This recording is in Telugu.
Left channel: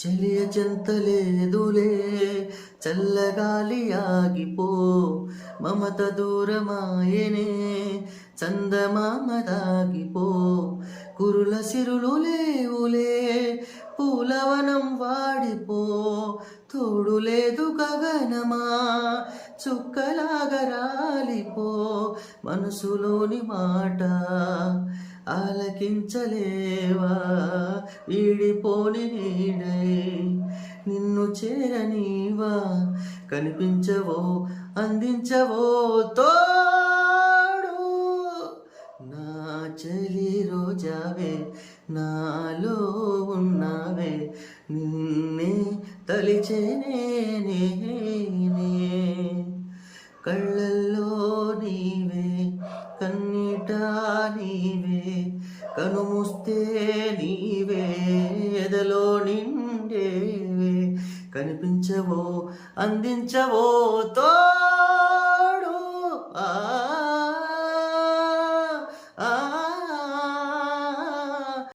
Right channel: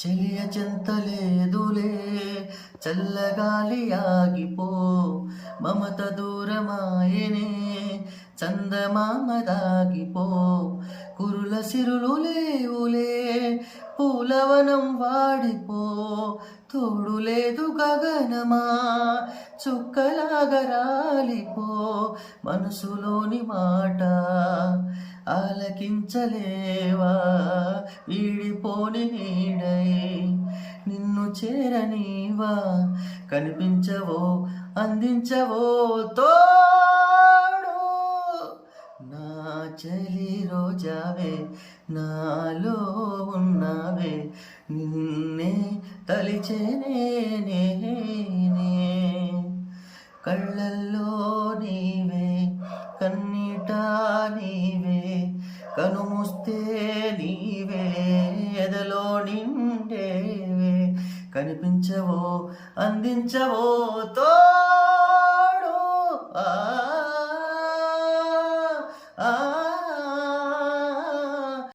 చెలియ చింతలేదులే చల్లగాలి ఆగిపో మమత దూరమాయనే చందమామ దాగిపో కురుల సిరులు లేవులే పూలవనం వాడిపో తోడు లేదు గగనమా చుక్కలాగా రాలిపో మనసులోని మాట ఆలకించలేవా వీడిపోని నీడై నిన్ను చేరనీవా కనిపించవో అందించవో తోడు నా చలి రోజావే నాలో ఉన్నావే నిన్నే తలిచేనే కళ్ళల్లో నీవే కన్నీట నీవే కనుముస్తే నీవే ఎదలో నిండేవే కనిపించవో అందించవో తో